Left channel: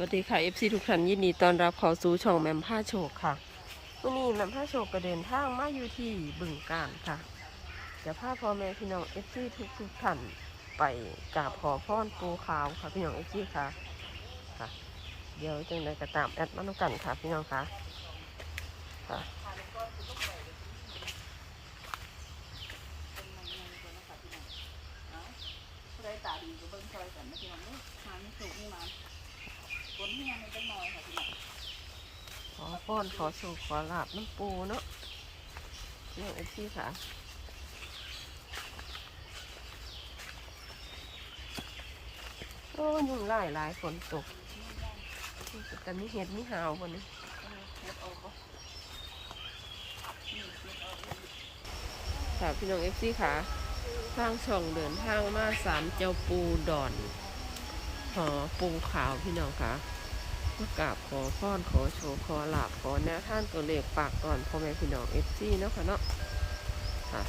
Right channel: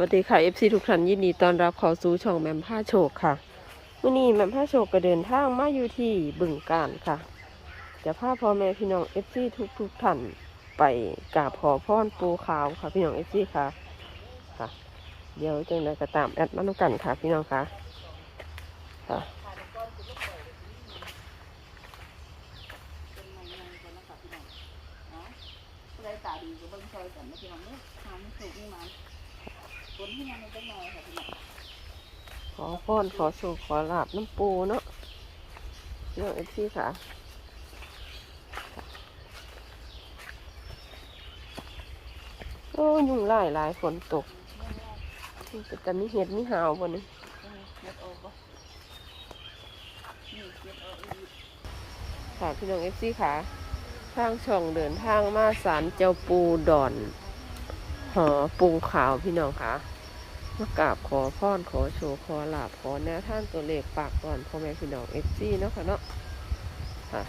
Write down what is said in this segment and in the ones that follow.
วัสดีค่ะ FC ทุกท่านยินดีต้อนรับเข้าสู่ช่องแมมผ้าโชคค่ะวันนี้แมมผ้าโชคก็เดินทางมาอยู่ที่บึงการค่ะจะพาพ่อแม่พี่น้อง FC ทุกทุกท่านไปกราบขอพรปูขาวค่ะพี่น้อง FC ค่ะค่ะ เดี๋ยวจังไดก็ตามแอดมาแล้วกันค่ะพี่น้องค่ะค่ะ เลยตาดีจะเบิ่งใจกันนะพี่น้องเนี่ยหางถูกนี่มาเดี๋ยวให้มันจะน้อยค่ะพี่น้อง ขอพรขอโชคขอลาบน้ำปูเนาะพี่น้อง FC ค่ะโอ้ยุงไล่หลายฝนตกแต่มีเห็ดมีหาวบนนี้ค่ะพี่น้องเอฟซีค่ะ ทางช่องเดินทางมาสารเจ้าปูดอนหอปูขาวพี่น้องค่ะ มากราบขอพรขอโชว์ขอลาบขอแนวท่านตัวเลขปากตอนพ่อแม่พี่น้องเอฟซีเนาะค่ะเนาะค่ะ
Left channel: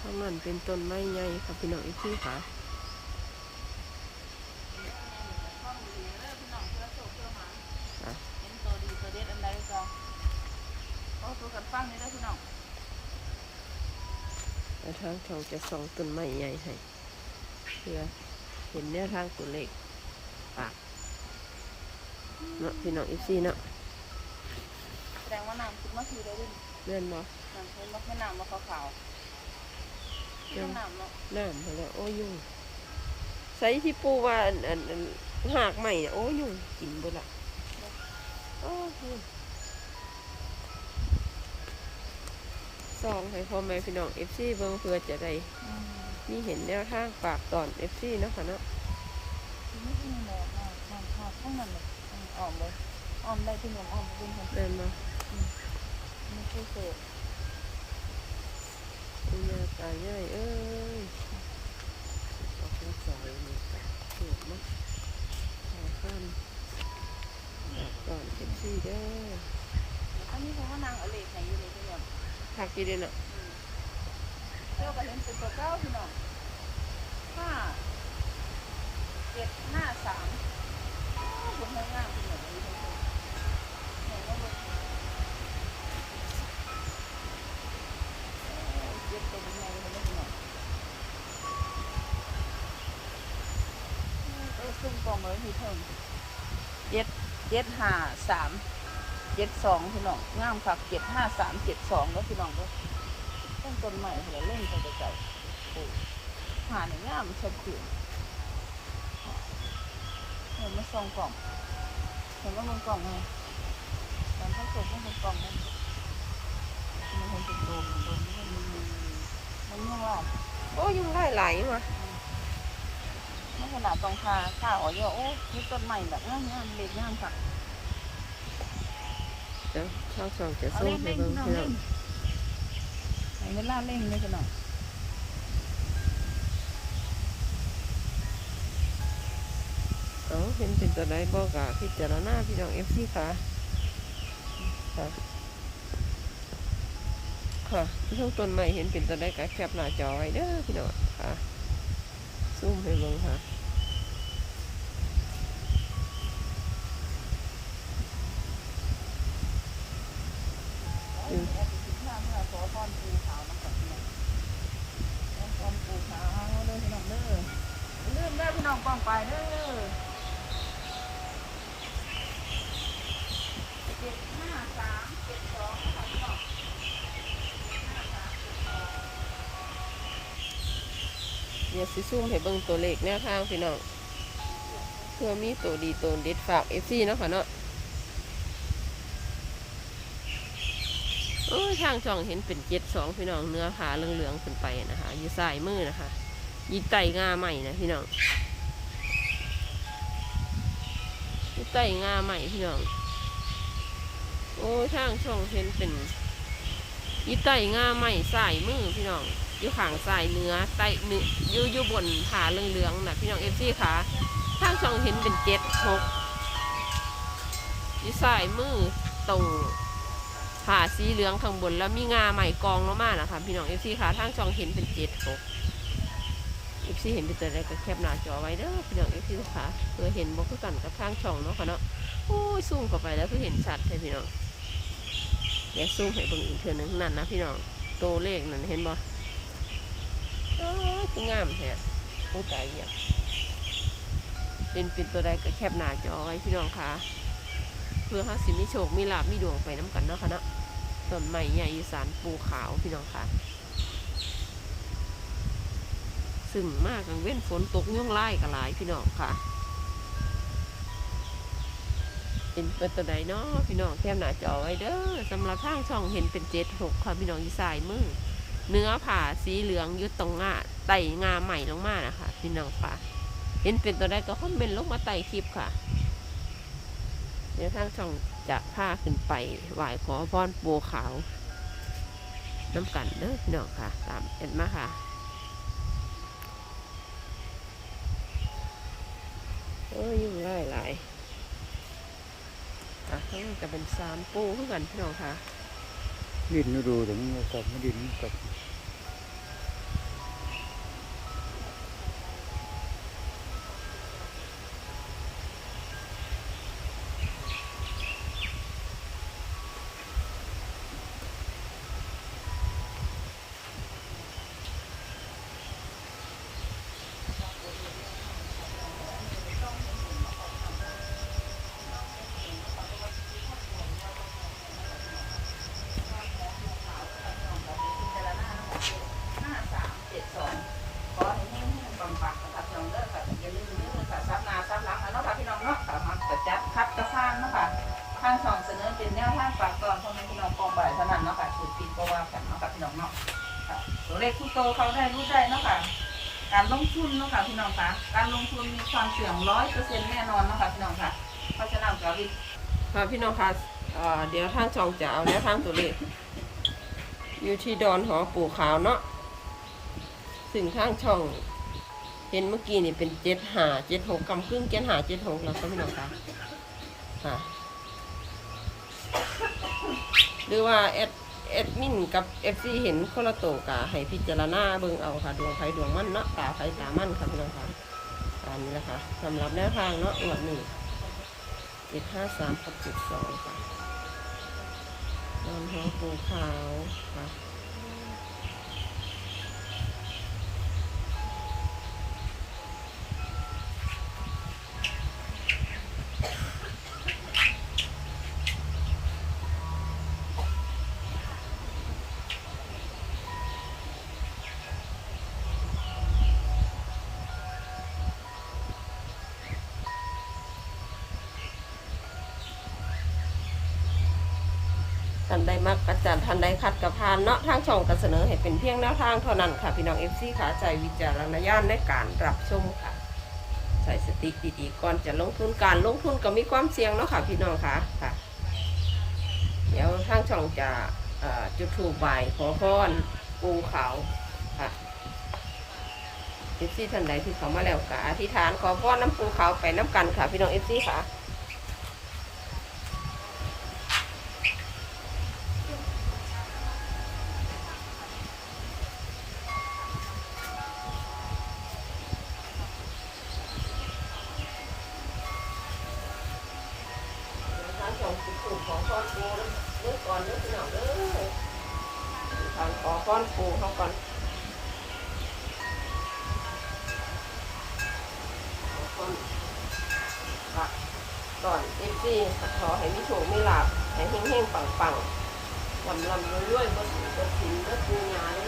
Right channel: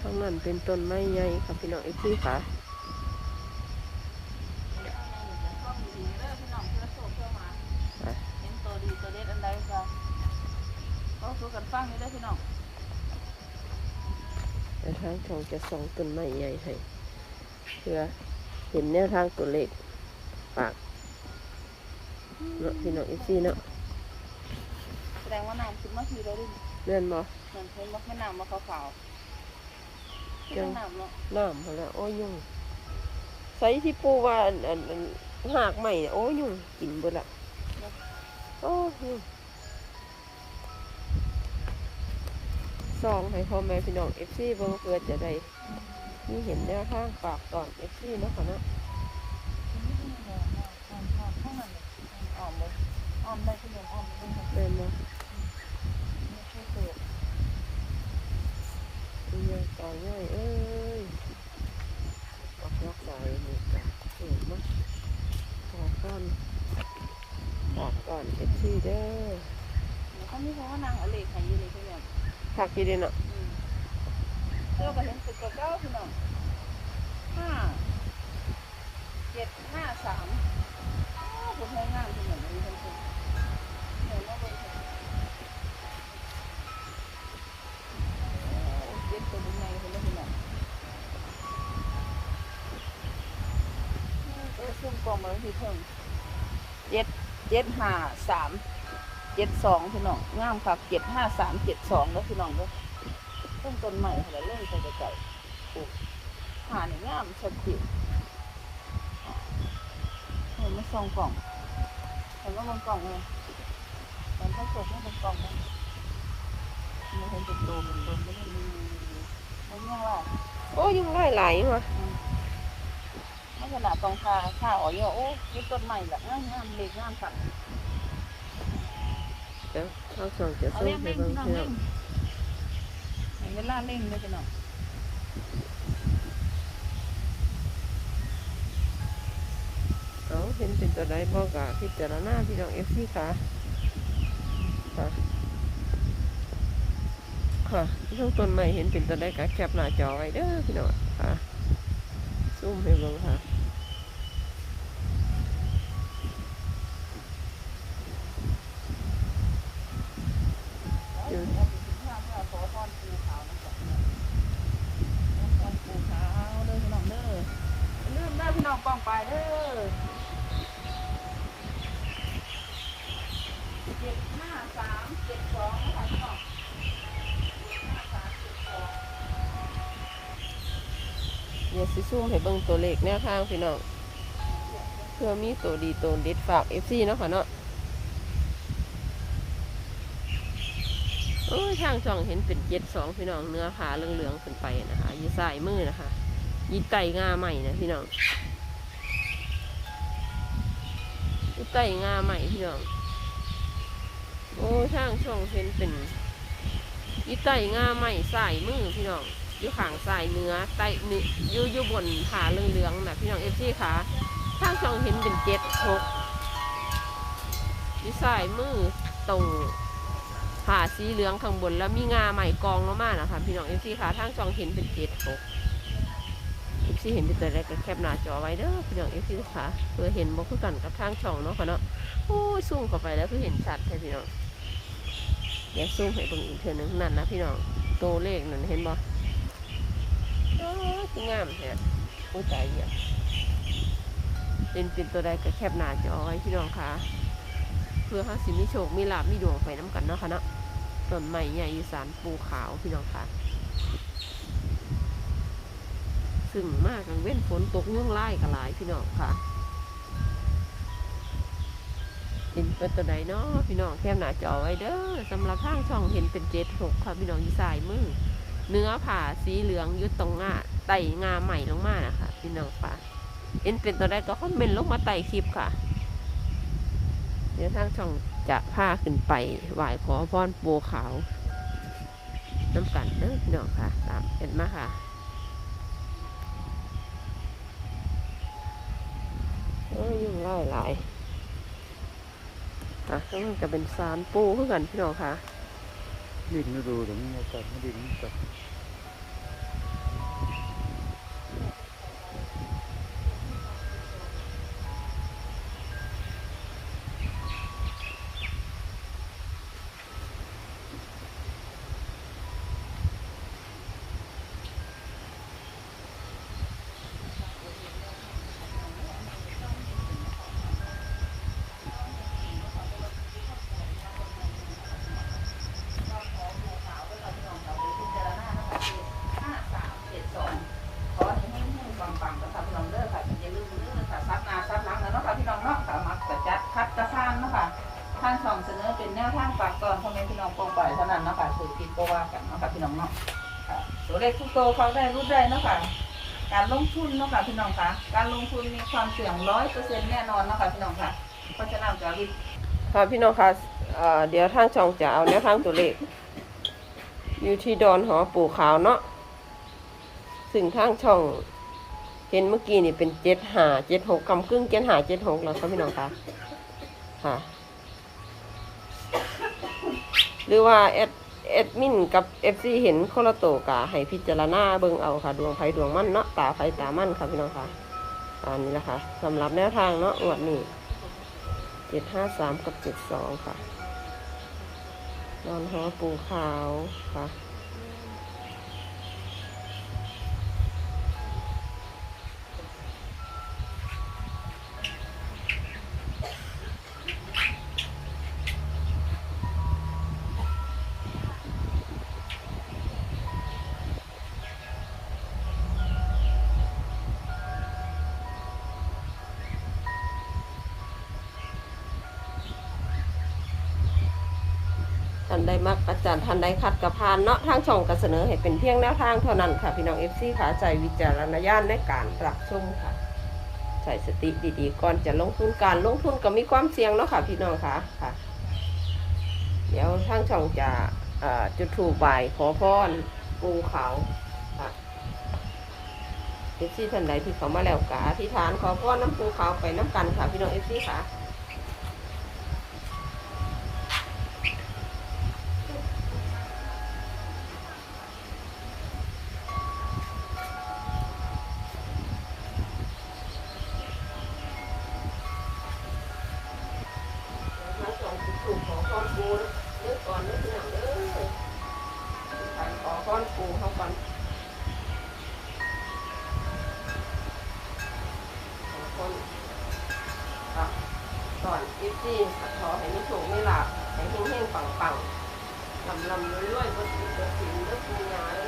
ข้างนั้นเป็นต้นไม้ใหญ่ค่ะพี่น้องเอฟซีค่ะค่ะตัวดีตัวเด็ดอันองคุยกันฟังเลยนะพี่น้องทางช่องจะส่องต้นไม้ใหญ่ให้ พื่อเห็นแนวทางตัวเลขปากเนาะพี่น้องเอฟซีเนาะแสดงว่าน้ำขึ้นมาทีเลยด้วยเลื่อนบ่เห็นว่าให้น้ำมาขาวๆยังน้ำเนาะน้ำมาแล้วโอ้ยยุ่งใส่ที่ปูว่าอันอันอันหากใหม่เนี่ยโอ้ยยุ่งกินเบ่ละโอ้ยยุ่งซองให้พ่อแม่พี่น้องเอฟซีเบิ่งเพื่อจะได้ อืมมีเห็นแนวทางปากตอนเอฟซีเนาะค่ะเนาะอืมอืมเลยนะอืมอืมข้างนั้นเลยอืมอ่อนเลยอ่อนเลยพี่น้องอ่อนเลยค่ะแม่นบ่ไม่ใช่เศษอียาตายง่ายเอ้ยออกรักษาอยู่นี่กะถูกมั้งขอก้อนปากก่อนเอฟซีเด้อถ้าไม่รู้ว่านางเอาเล็กไหนอยู่เลยพี่น้องผักดีเด้อเนาะ เลือกก็เห็นเป็นตัวเก้าพี่น้องห้าเจ็ดห้าสามเป็นห้องน้ำพี่น้องห้องน้ำเหนกันเลยเจ็ดตัวนี้เลยพี่น้องเอ้ยซุ่มกองไว้ที่เพิ่งเจ็ดเจ็ดห้าสามเจ็ดสองพี่น้องงามค่ะเจ็ดห้าสามเจ็ดสองแล้วพี่น้องเด้อ ต้นต้นใหม่เหรอเรื่องจะเก่าดูหานงามชัดเจนเห็นไหมซองกล่องเห็นไหมซองกล่องเนี่ยเห็นไหมผมไม่เป็นกล่องเลยมันเห็นเป็นตัวเลยไม่ได้มีมันเนี่ยว่าโอ้ยยุ่งไล่หลายว่ะนี่ขนาดตรงคาข้าอ๋อเนี่ยโอ้ยต้นใหม่แบบงามงามเล็กงามกับเดี๋ยวทางสองจะส่งให้เบิ่งพี่อง เวลาเล่นเลยกันหน่อยเอาเห็นเป็นตัวใดบอกกะพิจารณาพี่น้องเอฟซีค่ะ ค่ะค่ะช่วงต้นใหม่เห็นเป็นตัวใดกะแคปหน้าจอไว้เด้อพี่น้องค่ะซูมให้เบิ่งค่ะ อืมเอาไปกินข้าวเพื่อขอพรปูขาวน้ำกับพี่น้องขอพรปูขาวเด้อพี่น้องเด้ออย่าลืมเด้อพี่น้องป้องไปเด้อเจ็ดห้าสามเจ็ดสอง เดี๋ยว สิซูมให้เบิ่งตัวเลขแนวทางพี่น้องเพื่อมีตัวดีตัวเด็ดฝากเอฟซีเนาะค่ะเนาะโอ้ทางช่องเห็นเป็นเจ็ดสองพี่น้องเนื้อผาเหลืองๆขึ้นไปนะคะอยู่ซ้ายมือนะคะยีไตงาใหม่นะพี่น้องยีไตงาใหม่พี่น้องโอ้ยทางช่องเห็นเป็นยีไตงาใหม่สายมือพี่น้อง อยู่ขางซ้ายเนื้อไตเนื้ออยู่อยู่บนผาเหลืองๆนะพี่น้องเอฟซีค่ะทางช่องเห็นเป็นเจ็ดหกอยู่ซ้ายมือตรงผาสีเหลืองข้างบนแล้วมีงาใหม่กองลงมานะคะพี่น้องเอฟซีค่ะทางช่องเห็นเป็นเจ็ดหกเอีซี่เห็นเป็นตัวอะไรก็แคปหน้าจอไว้เด้อพี่น้องเอีซี่ค่ะเพื่อเห็นบอกคือกันกับทางช่องเนาะค่ะเนาะโอ้ยซูมเข้าไปแล้วเพื่อเห็นชัดเลยพี่น้องเดี๋ยวซูมให้เบิ่งอีกเทือนึงนั่นนะพี่น้องตัวเลขนั่นเห็นบ่ เออคืองามแท้โอ้ตายเหี้ยเป็นเป็นตัวใดก็แคปหน้าจอไว้พี่น้องค่ะเพื่อเฮาสิมีโชคมีลาบมีดวงไปน้ำกันเนาะค่ะเนาะต้นไม้ใหญ่อีสานปูขาวพี่น้องค่ะ ซึ่งมากกลางเว้นฝนตกยุ่งไล่กันหลายพี่น้องค่ะ เป็นเป็นตัวใดเนาะพี่น้องแคมหน้าจอไว้เด้อสำหรับทางช่องเห็นเป็นเจ็ดหกค่ะพี่น้องอยู่สายมือ เนื้อผ่าสีเหลืองอยุดตรงงาไต่งาใหม่ลงมานะคะพี่น้องค่ะเห็นเป็นตัวใดก็คอมเมนต์ลงมาไต่คลิปค่ะ เดี๋ยวทางช่องจะพาขึ้นไปไหว้ขอพรปูขาวน้ำกันเด้อพี่น้องค่ะ ตามเอ็ดมาค่ะเอ้ยยุ่งไล่หลายอะแล้วมันจะเป็นสารปูเพื่อกันพี่น้องค่ะ ดินดูเดี๋ยวนี้ใส่ดินไม่ใส่ ห้าสามเจ็ดสองขอให้แห้งๆปังๆนะคะพี่น้องเด้อค่ะอย่าลืมเด้อค่ะซับหน้าซับหลังแล้วเนาะค่ะพี่น้องเนาะค่ะมักจะจัดคัดกระทานเนาะค่ะทางช่องเสนอเป็นแนวทางฝากตอนพ่อแม่พี่น้องกองไปเท่านั้นเนาะค่ะถือปีโกว่ากันเนาะค่ะพี่น้องเนาะค่ะตัวเลขทุกตัวเขาได้รู้ได้เนาะค่ะ การลงทุนเนาะค่ะพี่น้องค่ะการลงทุนมีความเสี่ยงร้อยเปอร์เซ็นต์แน่นอนเนาะค่ะพี่น้องค่ะเพราะฉะนั้นจะรีบค่ะพี่น้องค่ะเอ่อเดี๋ยวทางช่องจะเอาแนวทางตัวเลข อยู่ที่ดอนหอปู่ขาวเนาะซึ่งทางช่องเห็นเมื่อกี้นี่เป็นเจ็ดหาเจ็ดหกกำกึ่งเจ็ดหาเจ็ดหกแล้วค่ะพี่น้องค่ะค่ะ หรือว่าแอดแอดมินกับเอฟซีเห็นคนละโตวกะให้พิจารณาเบิ่งเอาค่ะ ดวงไฟดวงมั่นเนาะตาไฟตามั่นค่ะพี่น้องค่ะอันนี้แหละค่ะสำหรับแนวทางเนาะอวดนี่เจ็ดห้าสามกับเจ็ดสองค่ะนอนหอปูขาวค่ะานใดมักอาจารย์ท่านใดคัดกับพานเนาะทางช่องก็เสนอให้เป็นเพียงแนวทางเท่านั้นค่ะ พี่น้องเอฟซีค่ะใจวิจารณญาณในการรับชมค่ะ ใส่สติดีๆก่อนจะลงทุนการลงทุนก็มีความเสี่ยงเนาะค่ะ พี่น้องค่ะค่ะ เดี๋ยวทางช่องจะจุดถูกใบขอพรปูเขาค่ะเอฟซีท่านใดที่เขามาแล้วกะอธิษฐานขอพรน้ำปูเขาไปน้ำกันค่ะ พี่น้องเอฟซีค่ะ ทางสองสิบสูของครอบครัวเลือกก่อนเลือกที่หนังเด้อทางขอข้อนปูเขาก่อนขอข้อนปักก่อนเอฟซีขอให้ไมีโชคมีลาภให้เฮงๆปังๆลำลำรวยๆบนบนสินบนปูยาเลย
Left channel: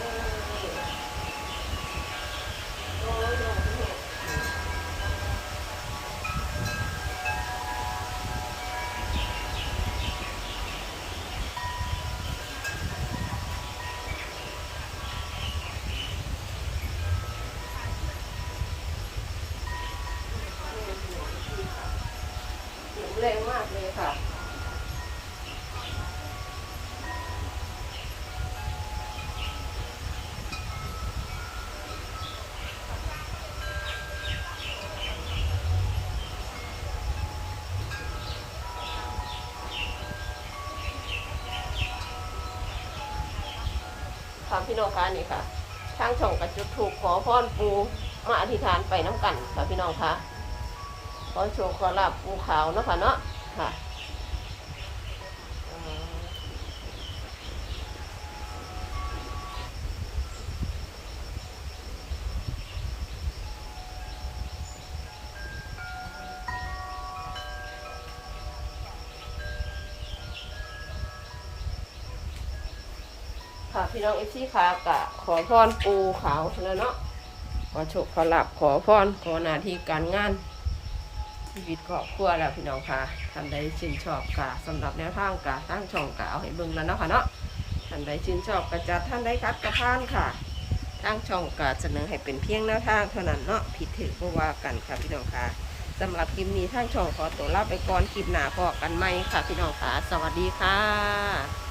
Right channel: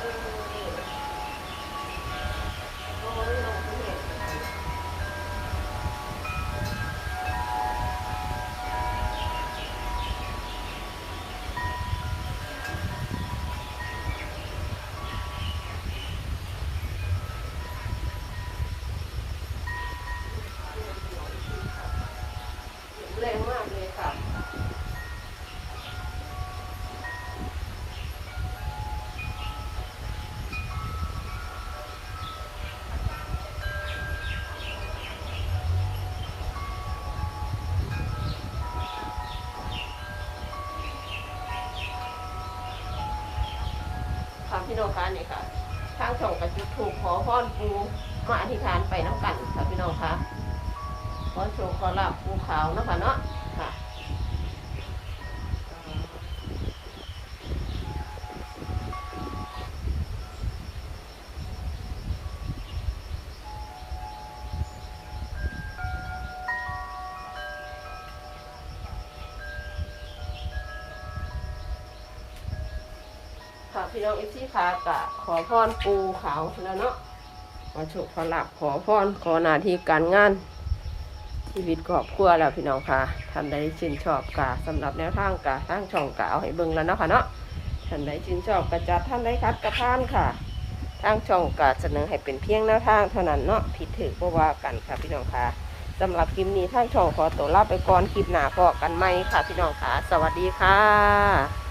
พี่น้องคะนี่ค่ะ ทางส่องกระจุกถูกขอพรปูมาอธิษฐานไปน้ำกันค่ะพี่น้องคะขอโชคขอลาบปูขาวนะค่ะเนาะค่ะ พี่น้องเอฟซีค่ะกะขอพรปูเขาแล้วเนาะขอโชคขอหลับขอพรขอหน้าที่การงานชีวิตครอบครัวแล้วพี่น้องค่ะท่านใดชื่นชอบกะสำหรับแนวทางกะทางช่องกะเอาให้เบิ่งแล้วเนาะค่ะเนาะท่านใดชื่นชอบกะจัดท่านใดคัดกระพานค่ะทางช่องกะเสนอให้เป็นเพียงแนวทางเท่านั้นเนาะผิดถือบ่ว่ากันค่ะพี่น้องค่ะสำหรับคลิปนี้ทางช่องขอตัวลาไปก่อนคลิปหน้าพอกันไหมค่ะพี่น้องค่ะ สวัสดีค่ะ